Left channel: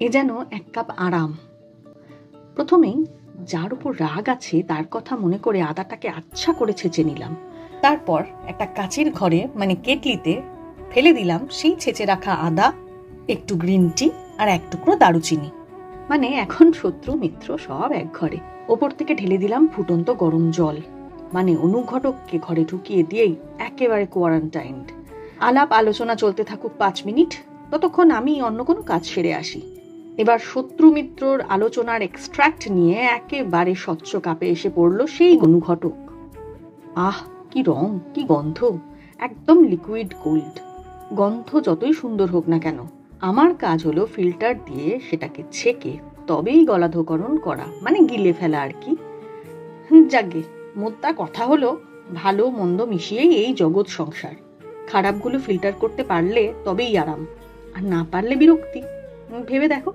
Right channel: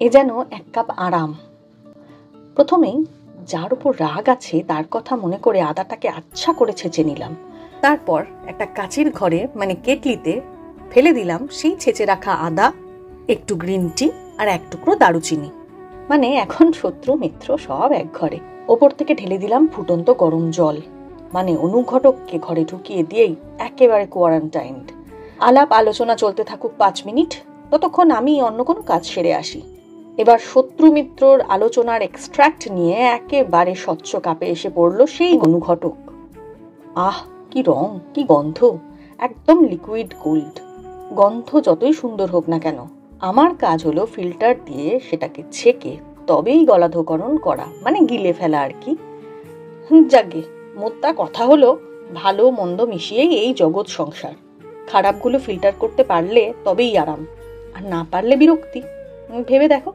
এ যেন এক কাপ আরাম। প্রথমেই যার উপর রাগ আছে তার কথা মনে করে আদাটাকে আচ্ছা করে ছেঁচে নিলাম। তারপর একটা কাঁচির ঘরে মানে কেটলিতে ফেলে দিলাম সেই ছেঁচে রাখা আদা, একটু গ্রিন টি আর এক টুকরো দারুচিনি। মানে এখন শত্রু মিত্র সব এক ঘরে। ওপর থেকে ঢেলে দিলাম ফুটন্ত গরম জল, মানে অনুঘটককে ঘরে ঢুকিয়ে দিয়েই একেবারে কোয়ারেন্টাইন্ড। আলাপ আলোচনা চলতে থাকুক 5 মিনিট, ততক্ষণ আমি অন্য কোনো কাজ সেরে আসি। এবার শত্রু মিত্রর আলোচনার এক্সট্রাক্ট নিয়ে একেবারে স্বচ্ছ কাপে এসে পড়ল সেই অনুঘটক। আহ, কি রং, কি গন্ধ, একদম লিকুইড গোল্ড। গন্ধ যতই সুন্দর হোক না কেন, আমার কাজ হলো ফিল্টার দিয়ে সেটাকে ছেঁকে তবেই গলাধঃকরণ করা, মানে গিলে ফেলা আর কি। যাগে, মোদ্দা কথা হলো ভালো মন্দ মিশিয়েই এই জগৎ সংসার। খারাপগুলো ফিল্টার করতে পারলে তবেই আরাম, আর না পারলে বিরক্তি। ভেবে দেখো।